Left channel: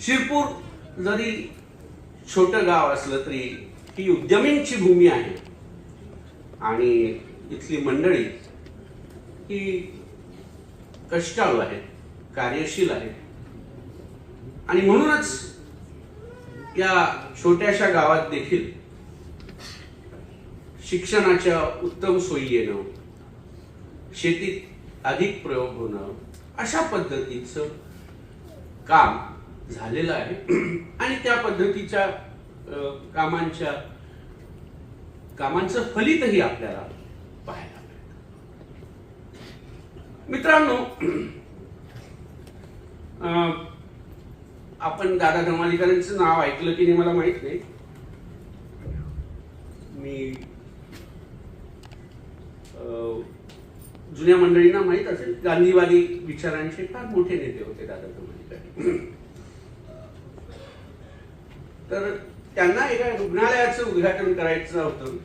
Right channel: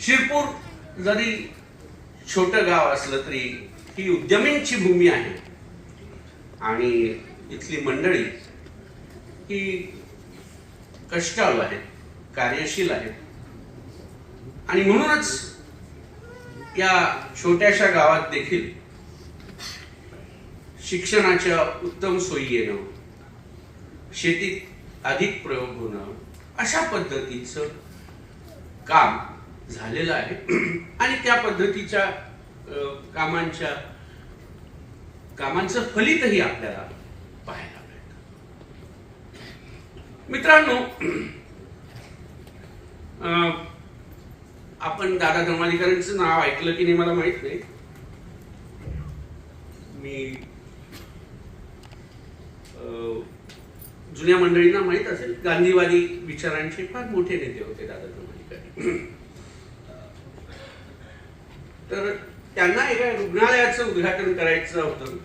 शिरपूर जरी छोटं गाव असलं तरी ही उद्यमींची भूमी आहे आणि इथली मंडळी ही कष्टाळू आहेत, कार्यशील आहेत आणि म्हणूनच या छोट्याशा गावात देखील शिक्षणाच्या उत्तम सोयी येणं, शेतीत अधिक प्रयोग होणं अशा पद्धतीचं काम झालेलं आहे आणि त्या पद्धतीच्या कामांचं फलितही आपल्याला पाहायला मिळतं. मित्रांनो, आपण दादा धर्माधिकाऱ्यांचं नाव ऐकलं की नाही मला माहित नाही. मी जुन्या मंडळींना माहित असेल, गांधीवादी विचारांचे फार मोठे नेते होते दादा धर्माधिकारी. तर त्यांना एका रुग्णालयाचं उद्घाटन करायचं होतं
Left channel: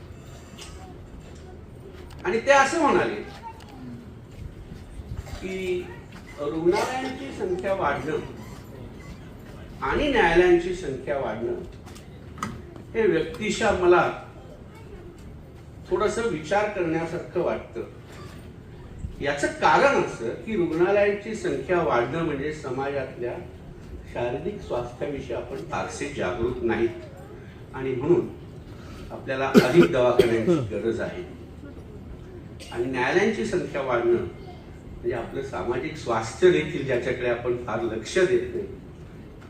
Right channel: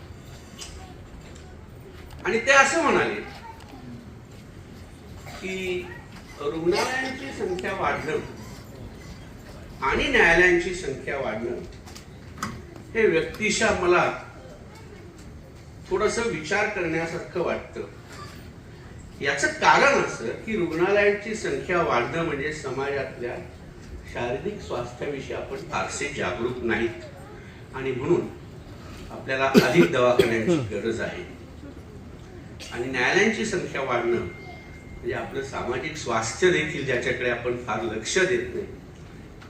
आणि ते असं म्हणाले की रुग्णालयांची संख्या वाढणं आणि न्यायालयांची संख्या वाढणं हे व्यक्तिशः मला थोडंसं विचार करण्यासारखं वाटतं. याचं कारण असं की रुग्णालयांची संख्या वाढणं म्हणजे समाजातल्या शारीरिक स्वास्थ्याविषयी आपण फारसे जागरूक नाहीत आणि म्हणून आपल्याला अधिक दवाखान्यांची गरज आहे. आणि न्यायालयांची संख्या वाढणं म्हणजे आपलं सामाजिक स्वास्थ्य देखील ज्याच्याकडे आपण फार लक्ष देत नाही,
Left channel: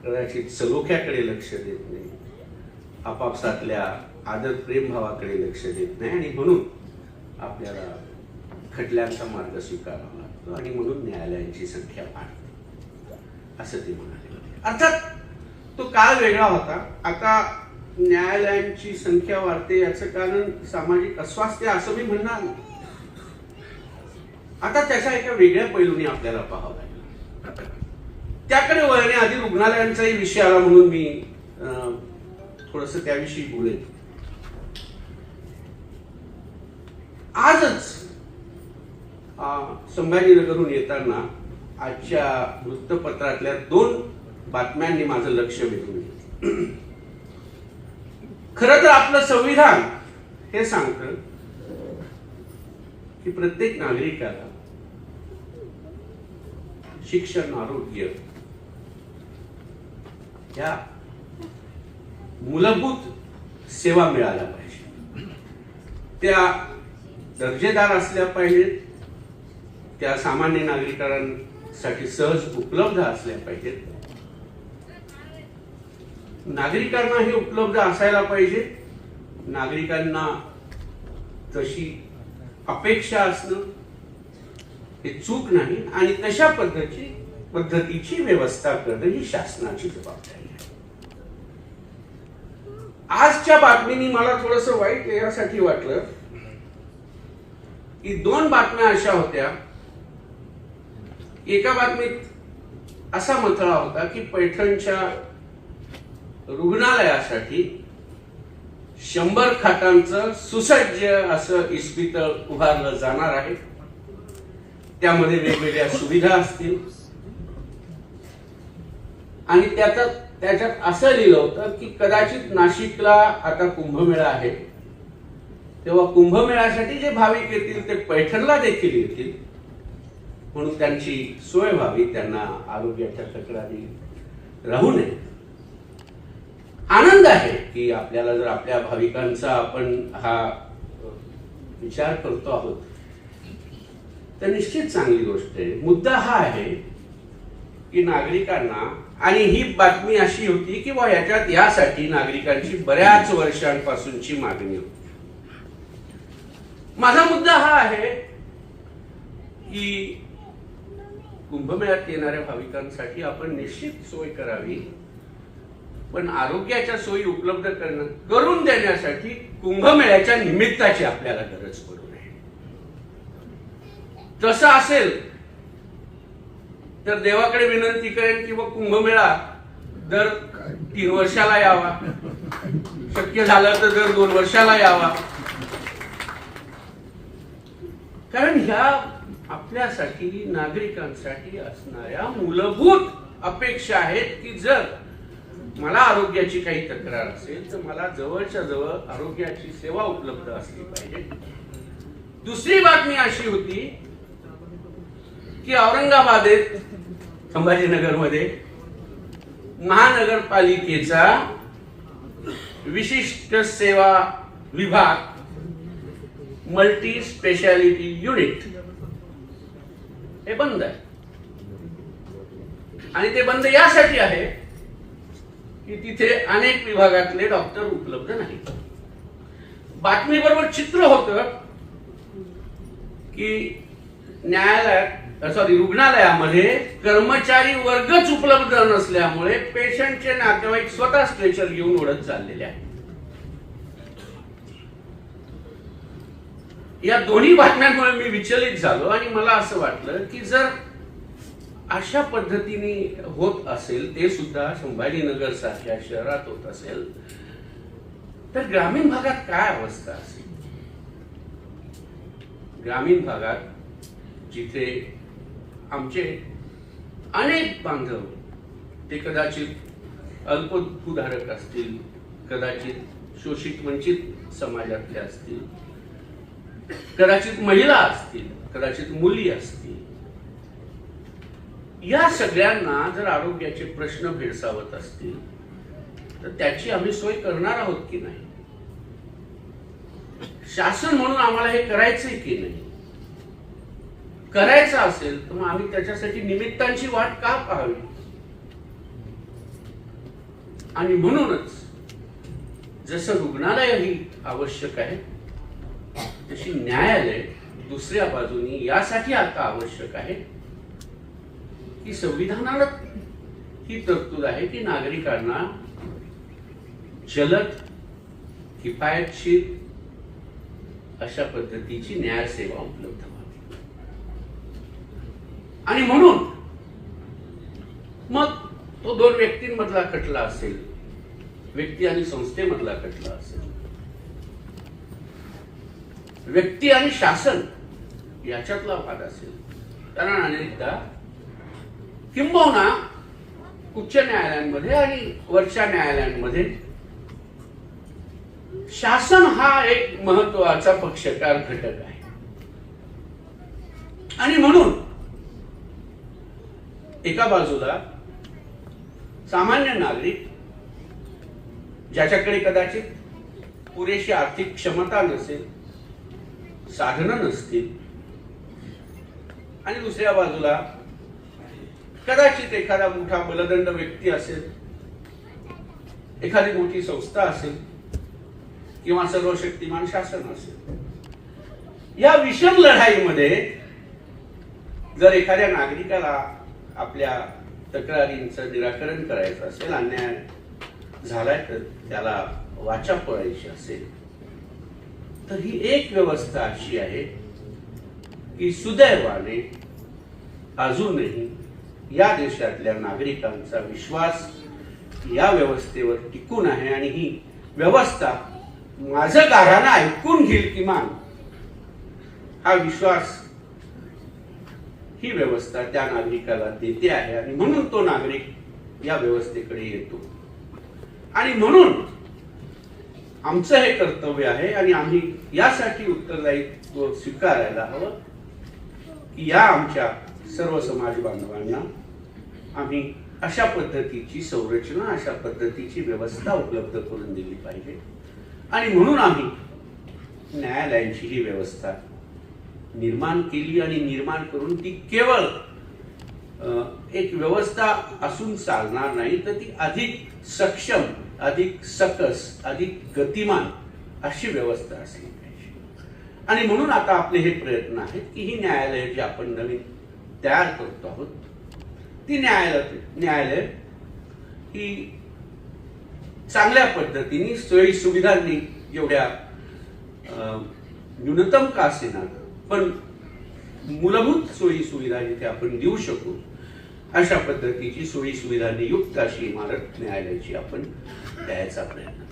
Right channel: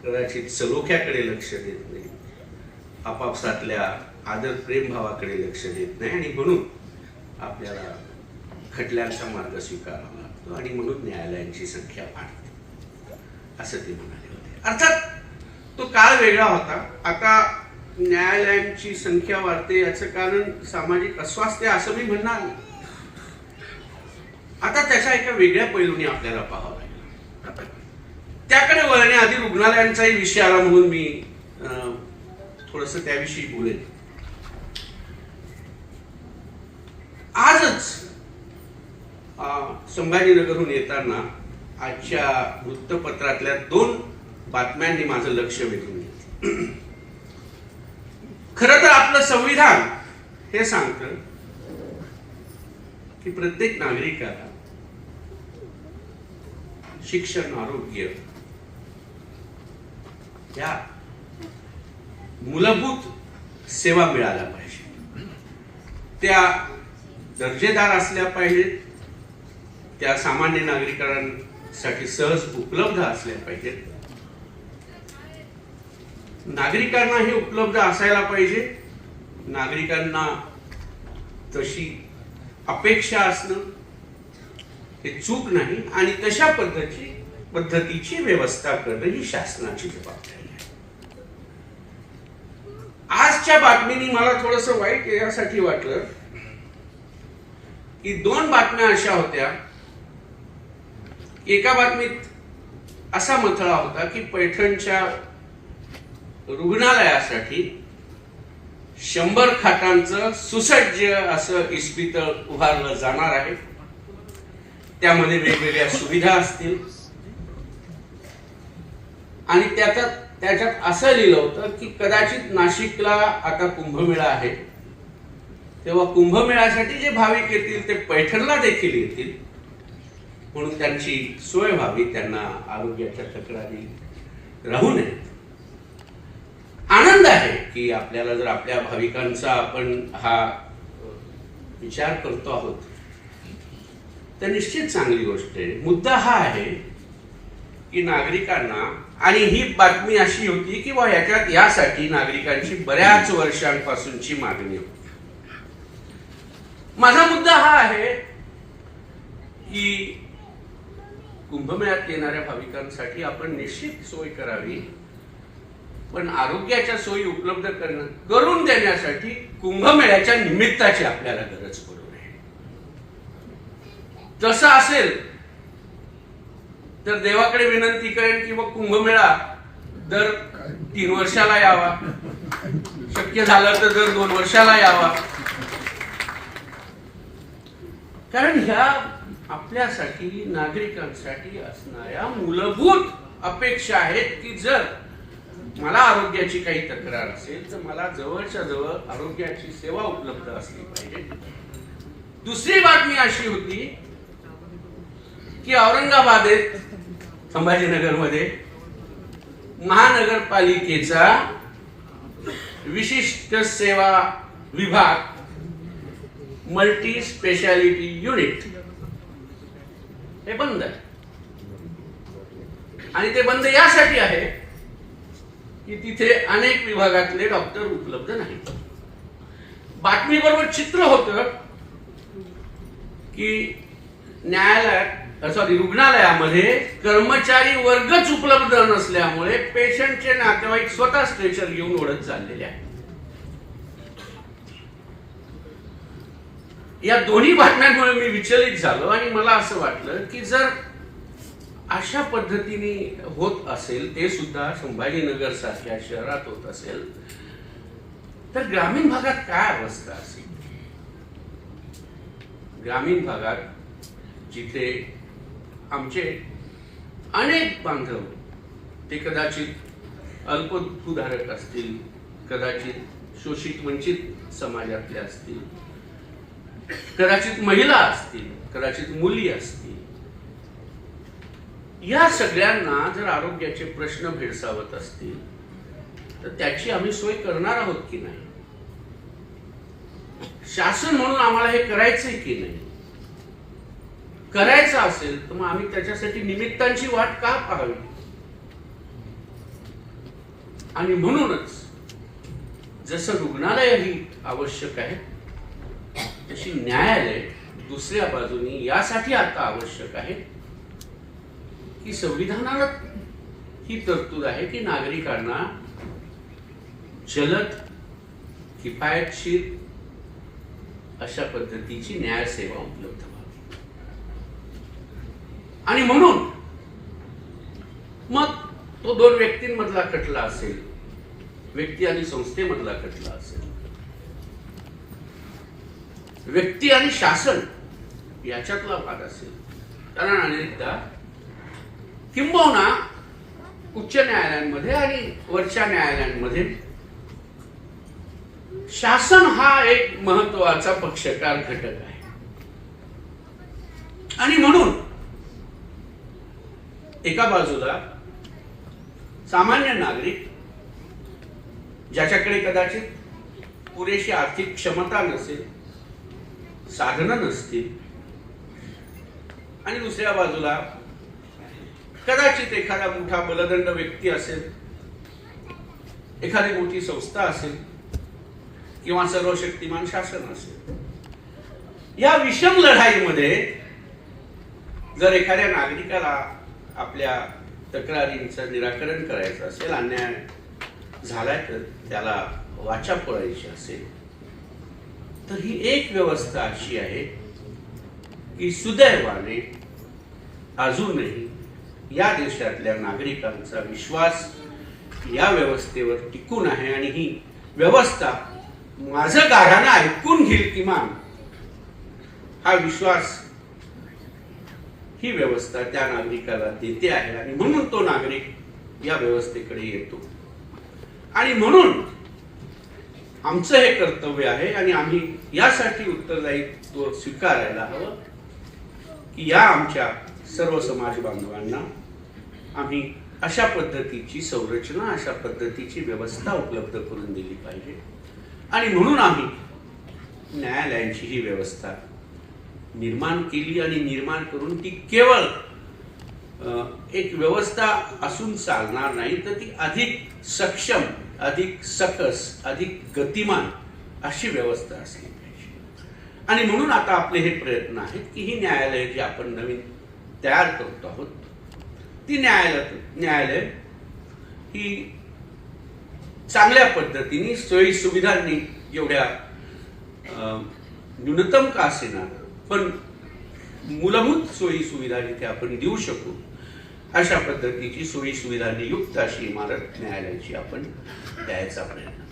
कदाचित सलोख्याकडे लक्ष देत नाही, आपापसातल्या आदर प्रेम भावाकडे लक्ष देत नाही आणि म्हणून आपल्याला खटल्यांचा मार्ग स्वीकारावा लागतो आणि म्हणून न्यायालयांची संख्या वाढते असं ते म्हणाले होते. अर्थात तो काळ वेगळा होता. आता न्यायालयांची संख्या वाढते याचं कारण सामाजिक अस्वास्थ्य असं मी म्हणणार नाही. आता त्याच्या एका वेगळ्या पैलूने आपल्याला पाहावं लागेल. त्याकडे वळण्याआधी रुग्णालयांचाही विषय आला म्हणून मी थोडस त्याविषयी बोलेन. आजच संभाजीनगरहून येताना आजच्या वृत्तपत्रातल्या 2 बातम्यांनी माझं लक्ष वेधून घेतलं. खरं तर आपलं संविधान हे सांगतं की प्रत्येक नागरिकाला शिक्षण, आरोग्य या मूलभूत सेवा मिळाल्या पाहिजे. त्या दर्जेदार असल्या पाहिजेत, त्या सामान्य नागरिकांसाठी सहज उपलब्ध असल्या पाहिजेत, नागरिकांना हे उपलब्ध असायला पाहिजे, नागरिकांना तशी अपेक्षा असणं हे चूक नाही आणि तशा पद्धतीची व्यवस्था करणं ही शासनाची जबाबदारी आहे. आजच्या बातमीने मला थोडस वाईट यासाठी वाटलं की 2 बातम्या अशा होत्या. एका बातमीत असा मथळा होता की पैठणच्या रुग्णालयासाठी 100 खाटांचं सुसज्ज असं इस्पितळ उभारलं जाणार आहे. त्यामध्ये वेगवेगळ्या सुविधा असतील आणि त्याच्यात असं लिहिलं होतं की कदाचित नाशिकला आता कुंभमेळा आहे, तेव्हा कुंभमेळ्यासाठी जे भाविक येतील ते पैठणला देखील येतील म्हणून त्यांची सोय व्हावी, त्यांना आरोग्याच्या तक्रारी राहू नयेत. आनंद आहे की आपल्याला जर आपल्या भाविकांचा आपण हा विचार करतो आहोत तर निश्चित चांगली गोष्ट आहे. मुद्दा हा आहे की नागरिकांना, आणि ही बातमी अशी होती की यासाठी नागरिकांची बऱ्याच वर्षांपासूनची मागणी होती. माझा मुद्दा हा आहे की कुंभमेळ्यात येणाऱ्या भाविकांसाठी आपण निश्चित सोय करावी, पण आरोग्याच्या सोयी उपलब्ध करून देण्यासाठी कुंभमेळ्याच्या निमित्ताची आपल्याला गरज पडू नये. तसं असेल तर देवाकडे विनंती करेन किंवा कुंभमेळा दर 3 वर्षाला यावा, शक्य झालं तर दर 2 वर्षाला यावा. कारण ह्या आपल्यासाठी नागरिकांसाठी असणाऱ्या मूलभूत अपेक्षा आहेत की जर मला आरोग्याची काही तक्रार असेल तर मला जवळच्या जवळ आरोग्याची सेवा उपलब्ध असली पाहिजे. दुसरी बातमी अशी होती की औरंगाबादेत संभाजीनगरमध्ये महानगरपालिकेचा विशिष्ट सेवा विभाग मल्टी स्पेशालिटी युनिट हे बंद आहे. आणि ते बंद यासाठी आहे की तिथे अनेक विभागातले डॉक्टर उपलब्ध नाहीत. बातमीबरोबर चित्र होतं की रुग्णालयामध्ये कर्मचारी वर्गच उपलब्ध नसल्यामुळे पेशंटचे नातेवाईक स्वतः स्ट्रेचर घेऊन ओढत चाललेले आहेत. या दोन्ही बातम्यांमुळे मी विचलित झालो आणि मला असं वाटलं की जर अशा पद्धतीने होत असेल, ते सुद्धा संभाजीनगर सारख्या शहरात होत असेल, तर ग्रामीण भागात काय अवस्था असेल. ग्रामीण भागात जिथे आमचे अनेक बांधव ते कदाचित अल्पभूधारक असतील, कदाचित शोषित वंचित समाजातले असतील, कदाचित महिला असतील, कदाचित मुली असतील, या सगळ्यांना जर आरोग्याचे प्रश्न भेडसावत असतील तर त्याची आम्ही सोय करणार आहोत की नाही. शासन म्हणून आम्हाला हे करायचंय की नाही. करायचं असेल तर मग आम्ही त्याच्यासाठी निमित्तांची वाट का पाहावी. आणि म्हणूनच जसं रुग्णालय ही आवश्यक आहे तशी न्यायालय दुसऱ्या बाजूने यासाठी आता आवश्यक आहे की संविधानात ही तरतूद आहे की नागरिकांना जलद, किफायतशीर अशा पद्धतीची न्याय सेवा उपलब्ध व्हावी. आणि म्हणून मग तो दोन व्यक्तींमधला खटला असेल, व्यक्ती आणि संस्थेमधला खटला असेल, व्यक्ती आणि शासन याच्यातला वाद असेल, कारण अनेकदा किंबहुना उच्च न्यायालयांमध्ये आणि वरच्या न्यायालयांमध्ये शासन हा एक महत्वाचा पक्षकार घटक आहे. आणि म्हणून एका बाजूला सामान्य नागरिक ज्याच्याकडे कदाचित पुरेशी आर्थिक क्षमता नसेल, साधनं नसतील, आणि दुसऱ्या बाजूला कदाचित एखादा मोठा बलदंड व्यक्ती असेल, एखादी मोठी संस्था असेल किंवा सर्वशक्तिमान शासन असेल. या विषम लढाईमध्ये जर एखाद्या नागरिकाला आपल्या तक्रारींचं निराकरण करायचं असेल, अन्याय झालाय तर त्याला वाचा फोडायची असेल, तर ही एक व्यवस्था अशी आहे की सुदैवाने अजूनही या देशातल्या नागरिकांचा विश्वास या व्यवस्थेवर टिकून आहे. आणि ही व्यवस्था माझं गाढानं ऐकून घेईल किमान हा विश्वास ही व्यवस्था त्या नागरिकाला देते आहे. आणि म्हणून तो नागरिक या व्यवस्थेकडे येतो. आणि म्हणून आमचं हे कर्तव्य आहे आणि आम्ही यासाठी उत्तरदायित्व स्वीकारायला हवं की या आमच्या सर्व समाज बांधवांना आम्ही अशा पद्धतीची संरचना, अशा पद्धतीची व्यवस्था उपलब्ध करून दिली पाहिजे. आणि म्हणून आम्ही न्यायालयांची ही व्यवस्था निर्माण केली आणि निर्माण करून ती केवळ एक व्यवस्था असून चालणार नाही, तर ती अधिक सक्षम, अधिक सकस, अधिक गतिमान अशी व्यवस्था असली पाहिजे. आणि म्हणून आता आपले हे प्रयत्न आहेत की ही न्यायालय जी आपण नवीन तयार करतो आहोत, ती न्यायालय ही चांगल्या पद्धतीने सोयी सुविधांनी, जेवढ्या न्यूनतम का असेना पण मूलभूत सोयी सुविधा जिथे आपण देऊ शकू अशा पद्धतीची सोयी सुविधांनी युक्त अशी इमारत न्यायालयाची आपण द्यायचा प्रयत्न